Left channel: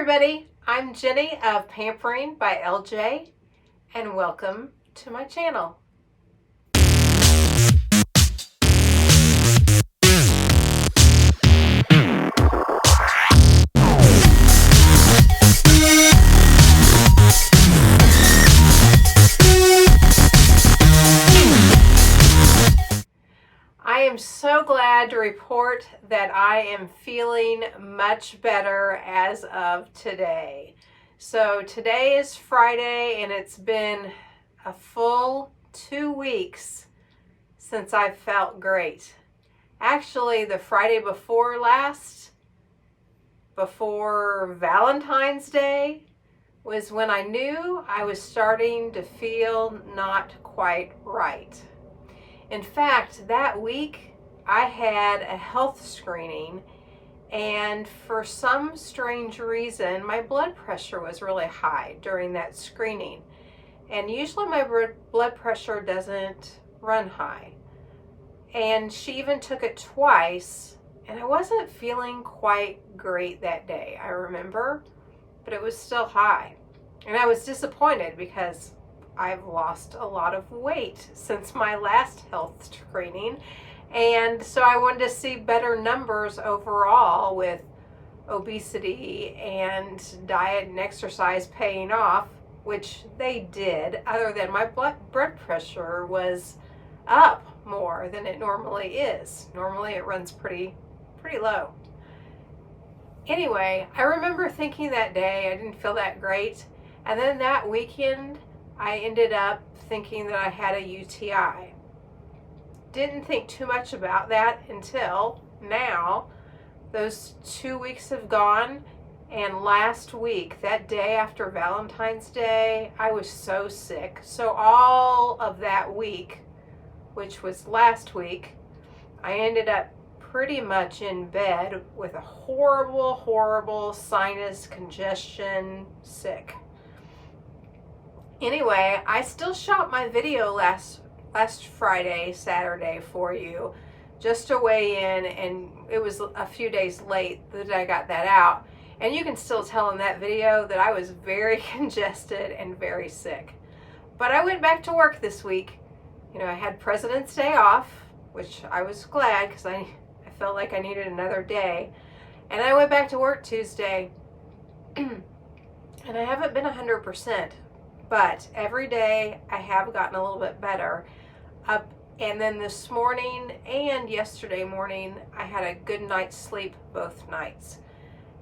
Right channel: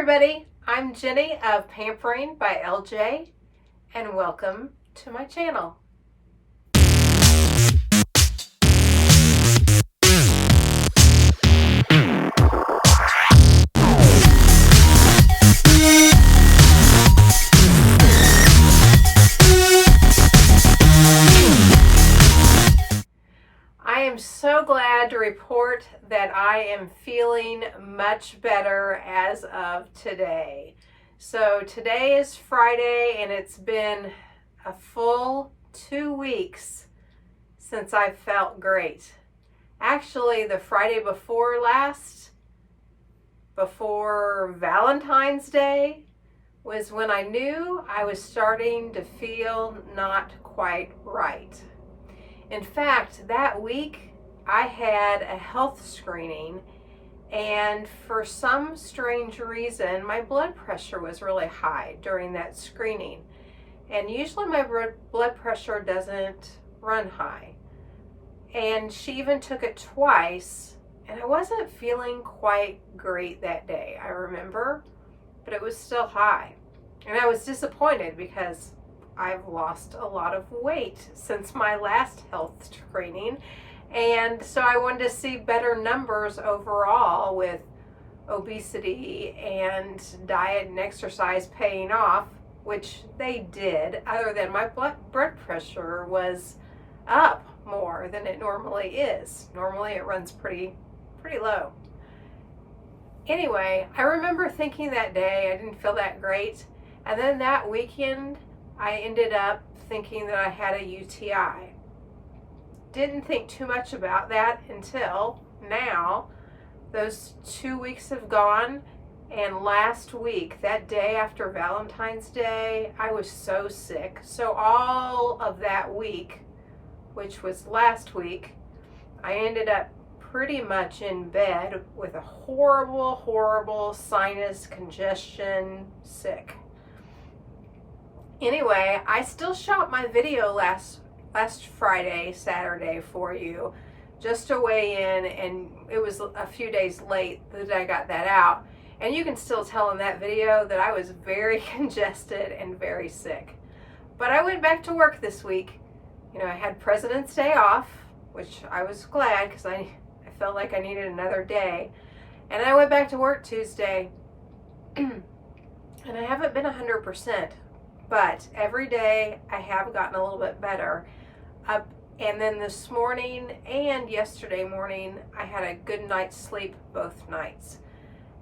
everybody, I'm Jenny of Pampering by LJ, and welcome to my channel. I am so glad to report that I am feeling much better as of today. So today is Friday and it's been a full 2 weeks since I felt great. Actually, the Friday before last, before Valentine's Day, was when I knew I was starting to feel not quite right. In fact, that week I had a health screening, and for some strange reason my blood pressure was really high during that screening. And usually my blood pressure doesn't run high. And she even took it twice, and I wasn't feeling quite great that day, I remember, but it was still high. And I was disappointed because I've lost a lot of weight since my last health screening, and so I wanted to see better numbers overall with obesity and diet and exercise paying off, which they did, other than my blood pressure was up more than it normally is. Normally it runs pretty low. Anyway, I remember thinking that day I didn't feel that great, and then that weekend I ended up thinking that I had a UTI. Didn't think too much about that until now. Those 2 weeks have gone, and last week, that day after Valentine's Day, I was so sick. So all of that week, which was last week, I ended up pretty much in bed with a horrible sinus congestion, sick. Anyway, I still shot my video last Friday, Saturday for you, just to weigh in, and it was a few days late that I got that out. And you can still tell in that video that I was very congested and very sick. But I went back to work this week. You know, I had President's Day off, which I was glad because I felt like I needed another day. And I went back to work Tuesday, and I haven't been 100%. But every day I have gotten a little bit better. And then this morning and yesterday morning, I had a good night's sleep both nights.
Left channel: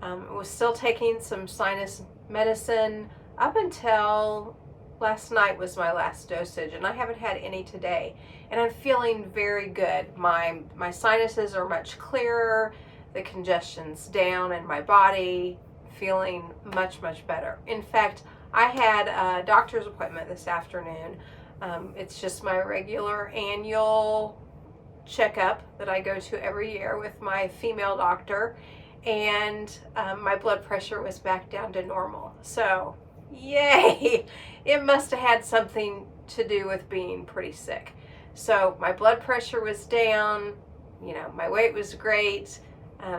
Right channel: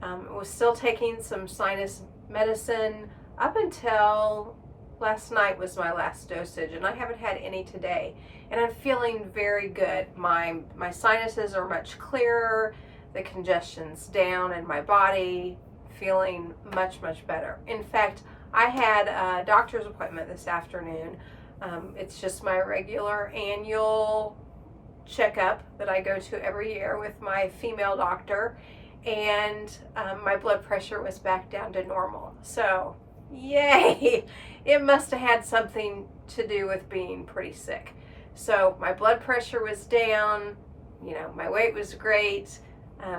I was still taking some sinus medicine up until last night was my last dosage, and I haven't had any today. And I'm feeling very good. My sinuses are much clearer. The congestion's down in my body. Feeling much better. In fact, I had a doctor's appointment this afternoon. It's just my regular annual checkup that I go to every year with my female doctor, and my blood pressure was back down to normal. So, yay! It must have had something to do with being pretty sick. So my blood pressure was down, you know, my weight was great.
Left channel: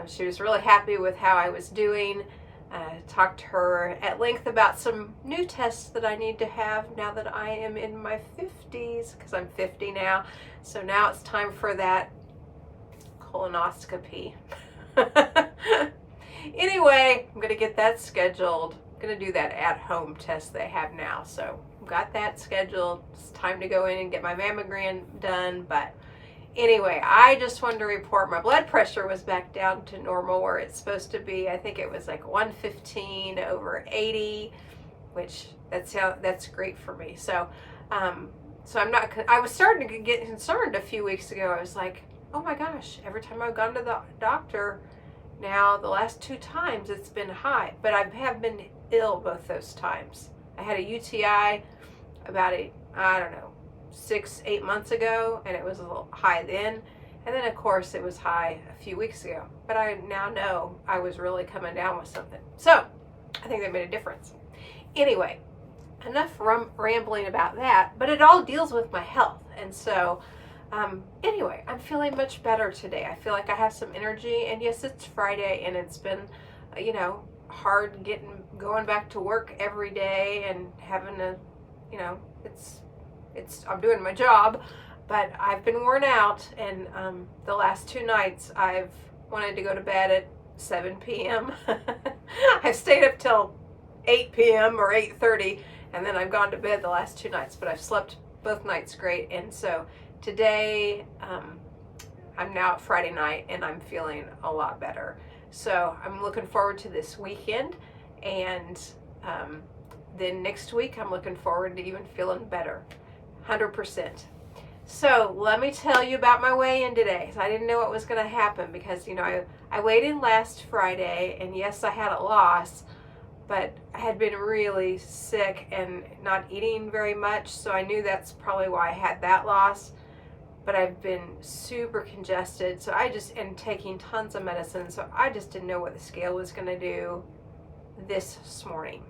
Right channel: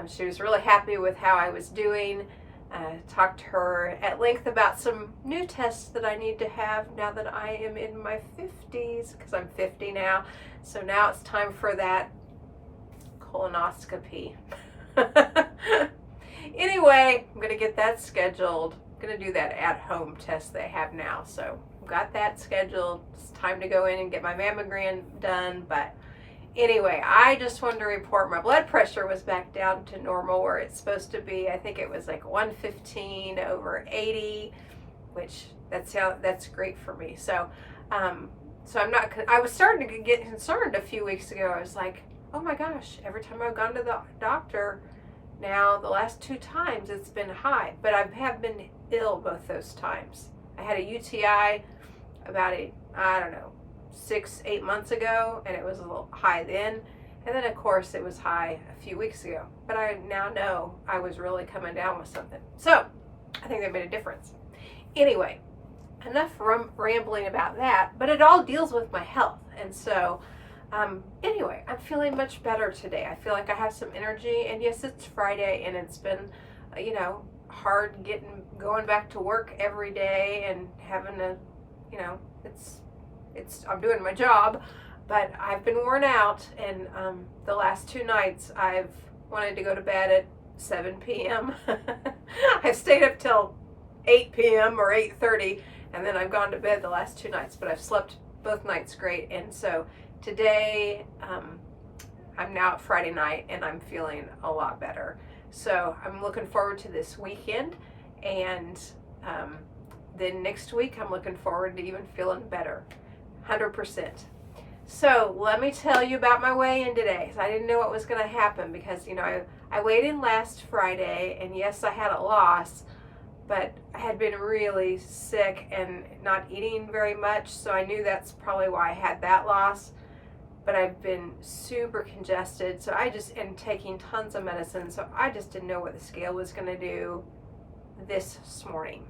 She was really happy with how I was doing. Talked to her at length about some new tests that I need to have now that I am in my 50s, because I'm 50 now. So now it's time for that colonoscopy. Anyway, I'm going to get that scheduled. I'm going to do that at-home test they have now. So I've got that scheduled. It's time to go in and get my mammogram done. But anyway, I just wanted to report my blood pressure was back down to normal where it's supposed to be. I think it was like 115/80, which that's great for me. So, so I'm not. I was starting to get concerned a few weeks ago. I was like, oh my gosh! Every time I've gone to the doctor, now the last 2 times it's been high. But I have been ill both those times. I had a UTI about 6-8 months ago, and it was a little high then, and then of course it was high a few weeks ago. But I now know I was really coming down with something, so I think they made a difference. Anyway, enough rambling about that, but it all deals with my health. And so anyway, I'm feeling much better today. I feel like I have some energy, and yes, it's Friday, and it's been hard going back to work every day and having to, you know, I'm doing my job, but I've been worn out, and the last 2 nights I've wanted to go to bed at 7 p.m. I've stayed up till 8 p.m. or 8:30, and then I've gone to bed the last 2 nights, but I've slept both nights great. And so today, I'm now at Friday night, and I'm feeling a lot better. So I'm looking forward to this weekend, and then next week I'm looking forward to even feeling better, 100%. So let me tell you about my weigh-in today. So I didn't know what was going to happen because, you know, I weighed in last Friday, and yes, I had a loss, but I had been really sick and not eating very much, so I knew that's probably why I had that loss. But I've been super congested, so I just am taking tons of medicine, so I just didn't know what the scale was going to do this morning.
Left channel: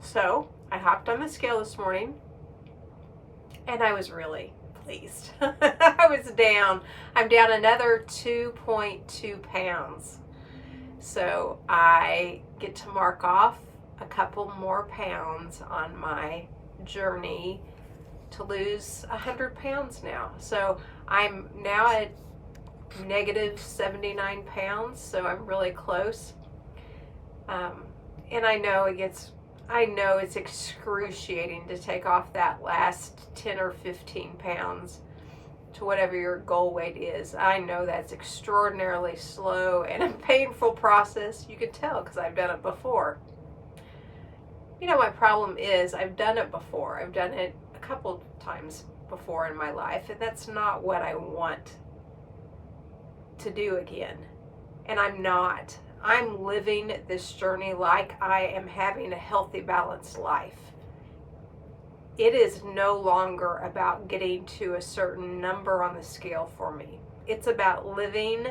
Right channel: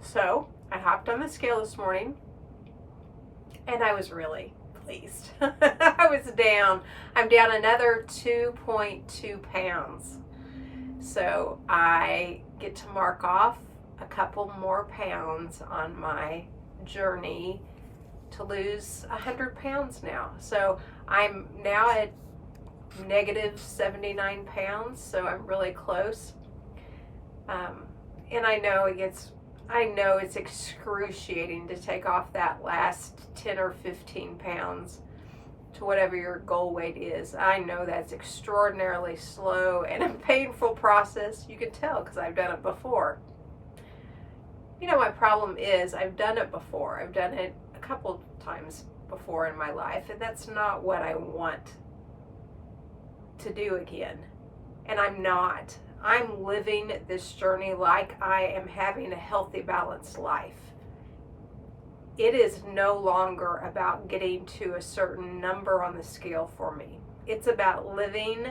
So I hopped on the scale this morning, and I was really pleased. I was down. I'm down another 2.2 pounds. So I get to mark off a couple more pounds on my journey to lose 100 pounds now. So I'm now at negative 79 pounds, so I'm really close. And I know it's excruciating to take off that last 10 or 15 pounds to whatever your goal weight is. I know that's extraordinarily slow and a painful process. You can tell because I've done it before. You know, my problem is I've done it before. I've done it a couple times before in my life, and that's not what I want to do again. And I'm not. I'm living this journey like I am having a healthy, balanced life. It is no longer about getting to a certain number on the scale for me. It's about living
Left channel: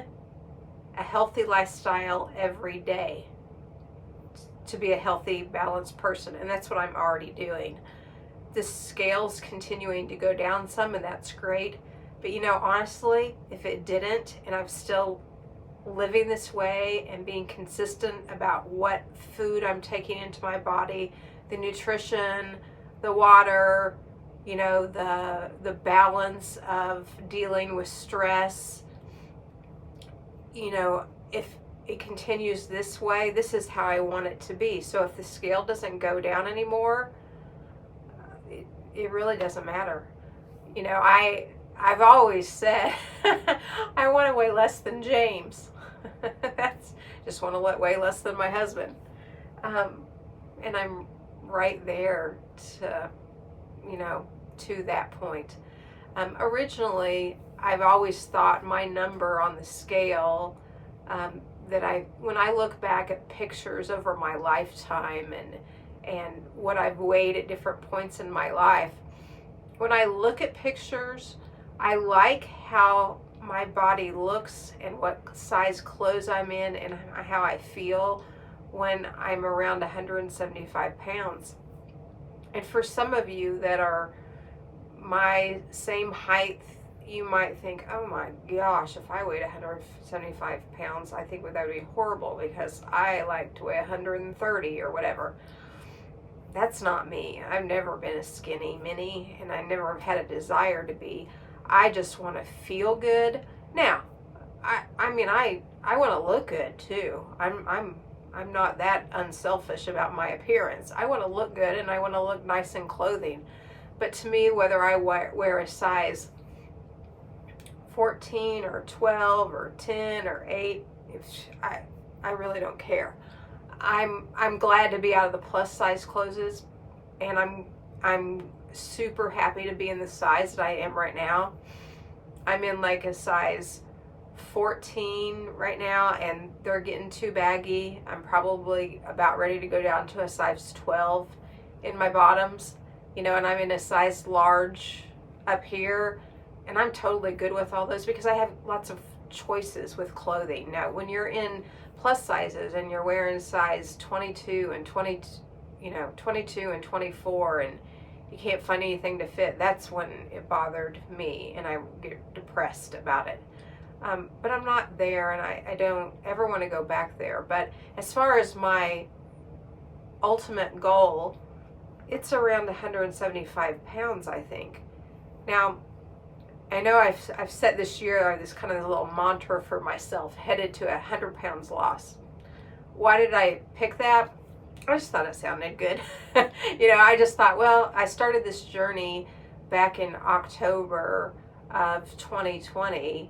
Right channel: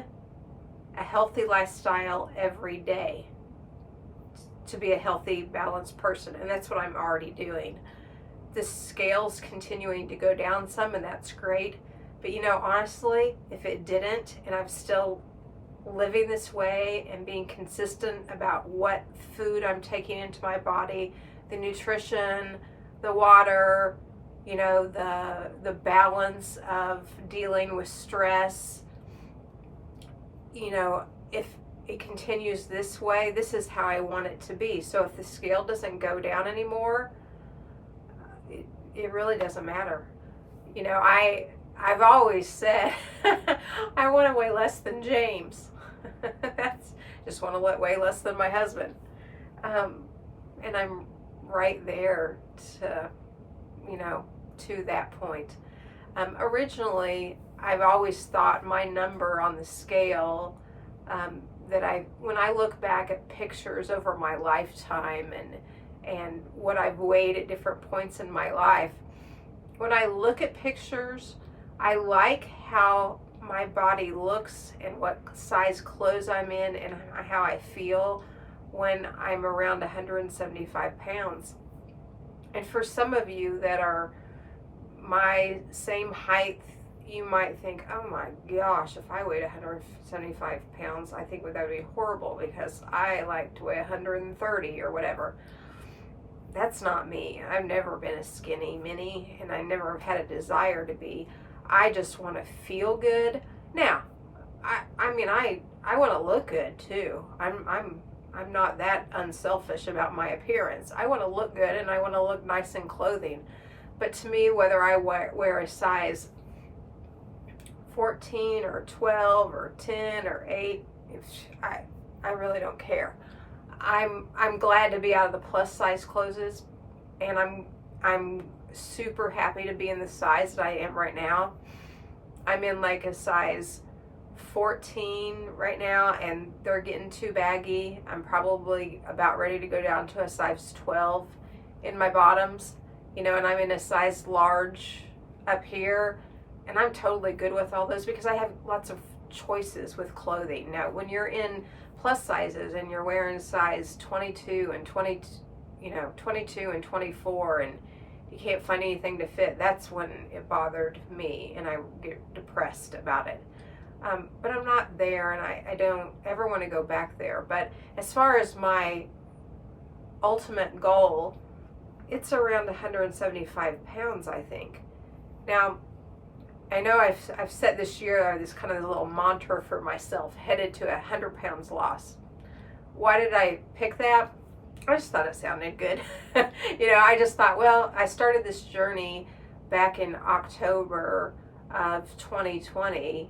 a healthy lifestyle every day to be a healthy, balanced person. And that's what I'm already doing. The scale's continuing to go down some, and that's great. But you know, honestly, if it didn't, and I'm still living this way and being consistent about what food I'm taking into my body, the nutrition, the water, you know, the balance of dealing with stress, you know, if it continues this way, this is how I want it to be. So if the scale doesn't go down anymore, it really doesn't matter. You know, I've always said I want to weigh less than James. That's just want to weigh less than my husband. And I'm right there to, you know, to that point. Originally, I've always thought my number on the scale, when I look back at pictures over my lifetime and what I've weighed at different points in my life, when I look at pictures, I like how my body looks and what size clothes I'm in and how I feel when I'm around 175 pounds. And for some of you that are my same height, you might think, oh my gosh, if I weighed 175 pounds, I think that would be horrible because I like to weigh 130 or whatever. That's not me. I've never been a skinny mini, and I never have had a desire to be. I just want to feel good. Now, I mean, I want to look good too. I'm not that unselfish about my appearance. I want to look good and I want to look nice in clothing. But to me, whether I wear a size 14 or 12 or 10 or 8, I really don't care. I'm glad to be out of the plus size clothes, and I'm super happy to be in the size that I am right now. I'm in like a size 14 right now, and they're getting too baggy. I'm probably about ready to go down to a size 12 in my bottoms, you know, and I'm in a size large up here, and I'm totally good with all those because I have lots of choices with clothing. Now, when you're in plus sizes and you're wearing size 22 and 22 and 24 and you can't find anything to fit, that's when it bothered me and I get depressed about it. But I'm not there, and I don't ever want to go back there. But as far as my ultimate goal, it's around 175 pounds, I think. Now, I know I've set this year this kind of little mantra for myself, headed to 100 pounds loss. Why did I pick that? I just thought it sounded good. I just thought, well, I started this journey back in October of 2020,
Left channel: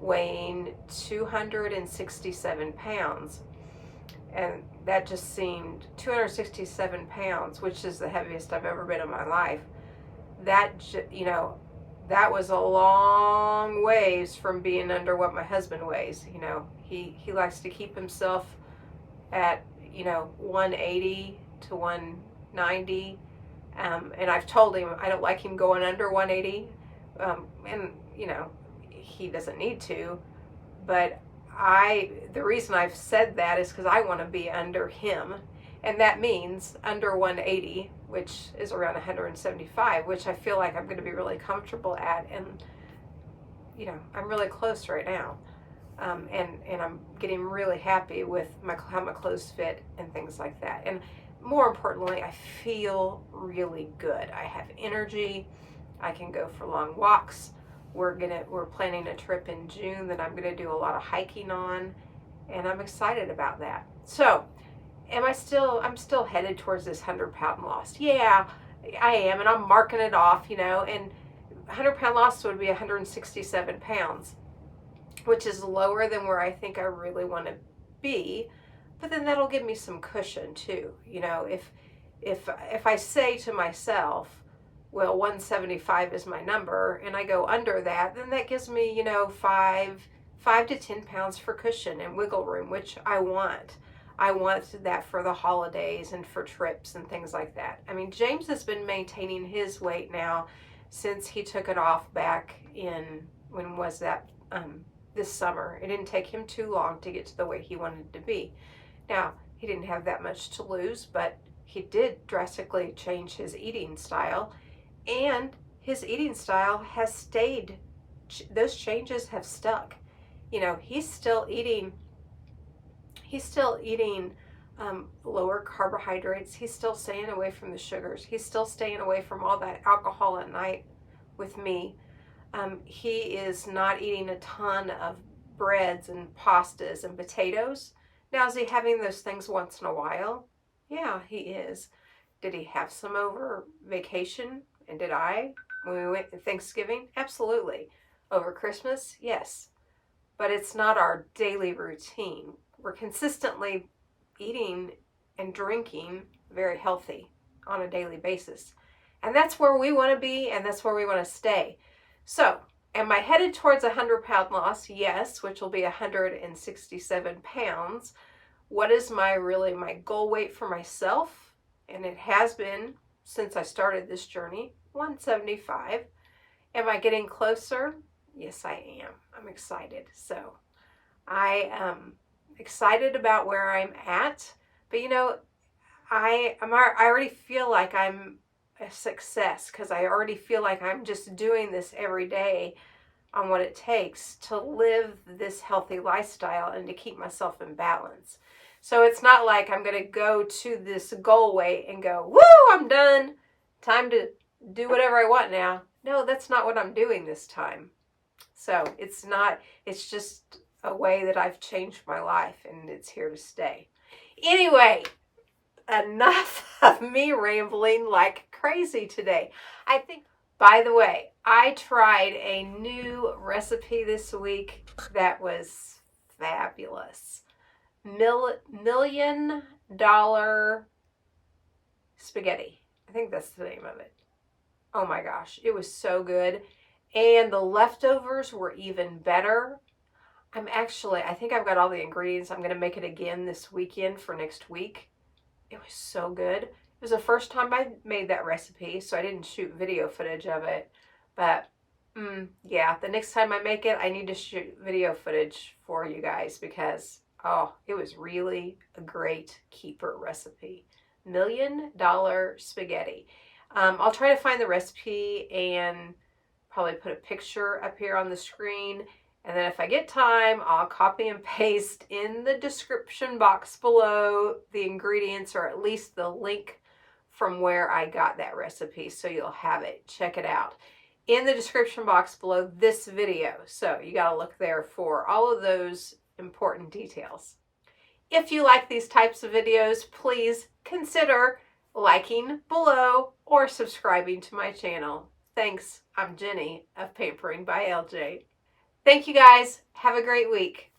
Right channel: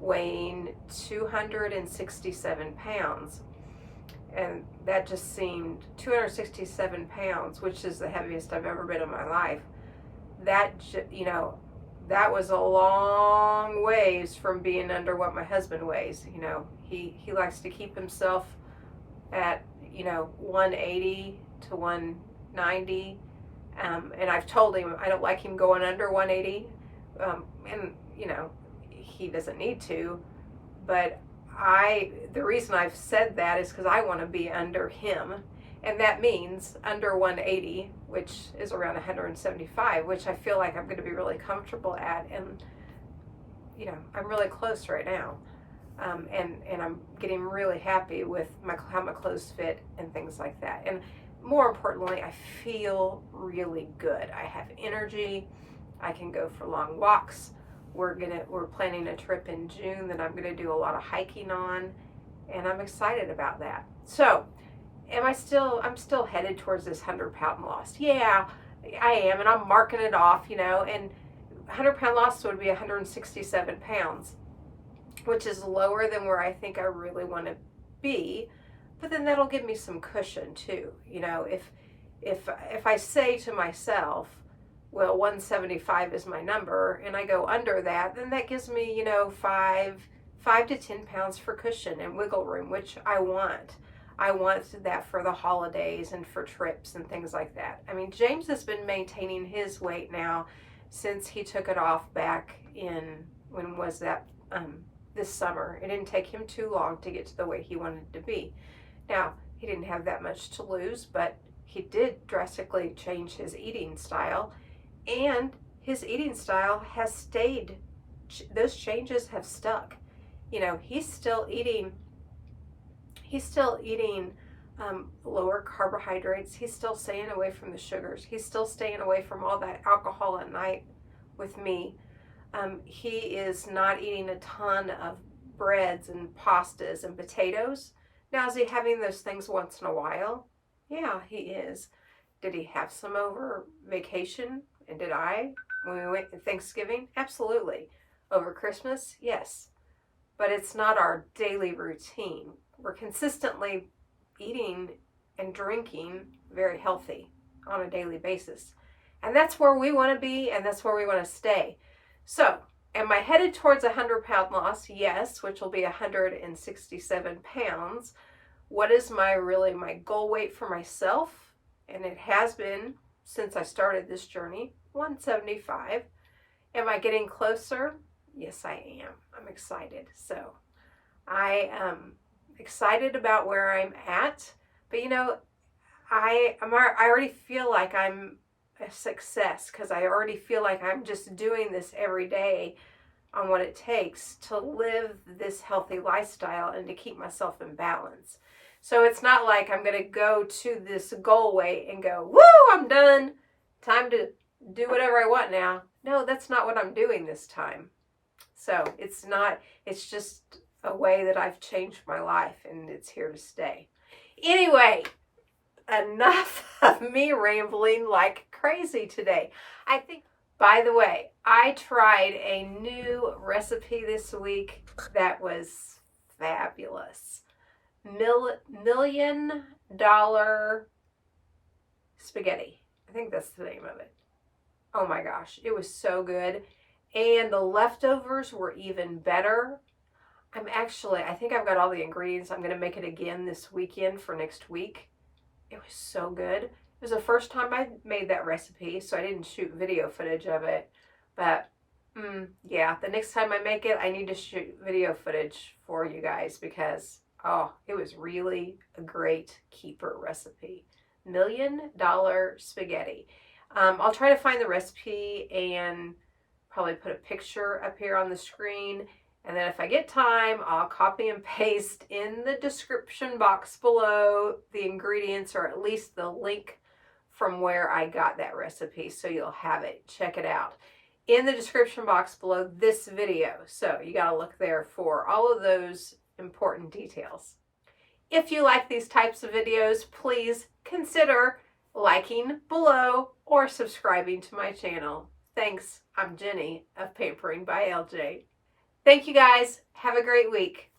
weighing 267 pounds. And that just seemed 267 pounds, which is the heaviest I've ever been in my life. That was a long ways from being under what my husband weighs. He likes to keep himself at 180 to 190, and I've told him I don't like him going under 180, and he doesn't need to, but the reason I've said that is because I want to be under him, and that means under 180, which is around 175, which I feel like I'm going to be really comfortable at, and I'm really close right now. And I'm getting really happy with how my clothes fit and things like that. And more importantly, I feel really good. I have energy. I can go for long walks. We're planning a trip in June that I'm gonna do a lot of hiking on, and I'm excited about that. So, I'm still headed towards this 100-pound loss. Yeah, I am, and I'm marking it off, and 100-pound loss would be 167 pounds. Which is lower than where I think I really want to be, but then that'll give me some cushion too. If I say to myself, well, 175 is my number, and I go under that, then that gives me 5 to 10 pounds for cushion and wiggle room, which I want. I want that for the holidays and for trips and things like that. I mean, James has been maintaining his weight now since he took it off back in, when was that? This summer. It didn't take him too long to get to the weight he wanted to be. Now, he didn't have that much to lose, but he did drastically change his eating style, and his eating style has stayed. Those changes have stuck. He's still eating lower carbohydrates. He's still staying away from the sugars. He's still staying away from all that alcohol at night with me. He is not eating a ton of breads and pastas and potatoes. Now, is he having those things once in a while? Yeah, he is. Did he have some over vacation? And did I? When we went to Thanksgiving? Absolutely. Over Christmas? Yes. But it's not our daily routine. We're consistently eating and drinking very healthy on a daily basis. And that's where we want to be, and that's where we want to stay. So, am I headed towards 100-pound loss? Yes, which will be 167 pounds. What is my goal weight for myself? And it has been, since I started this journey, 175. Am I getting closer? Yes, I am. I'm excited. So, I am excited about where I'm at. But I already feel like I'm a success, because I already feel like I'm just doing this every day on what it takes to live this healthy lifestyle and to keep myself in balance. So it's not like I'm going to go to this goal weight and go, woo, I'm done. Time to do whatever I want now. No, that's not what I'm doing this time. So it's just a way that I've changed my life, and it's here to stay. Anyway, enough of me rambling like crazy today. By the way, I tried a new recipe this week that was fabulous. $1 million spaghetti. I think that's the name of it. Oh my gosh, it was so good. And the leftovers were even better. I think I've got all the ingredients. I'm going to make it again this weekend for next week. It was so good. It was the first time I made that recipe, so I didn't shoot video footage of it. But, yeah, the next time I make it, I need to shoot video footage for you guys because, it was really a great keeper recipe. $1 million spaghetti. I'll try to find the recipe and probably put a picture up here on the screen. And then if I get time, I'll copy and paste in the description box below the ingredients, or at least the link from where I got that recipe, so you'll have it. Check it out in the description box below this video. So you got to look there for all of those important details. If you like these types of videos, please consider liking below or subscribing to my channel. Thanks. I'm Jenny of Pampering by LJ. Thank you guys. Have a great week.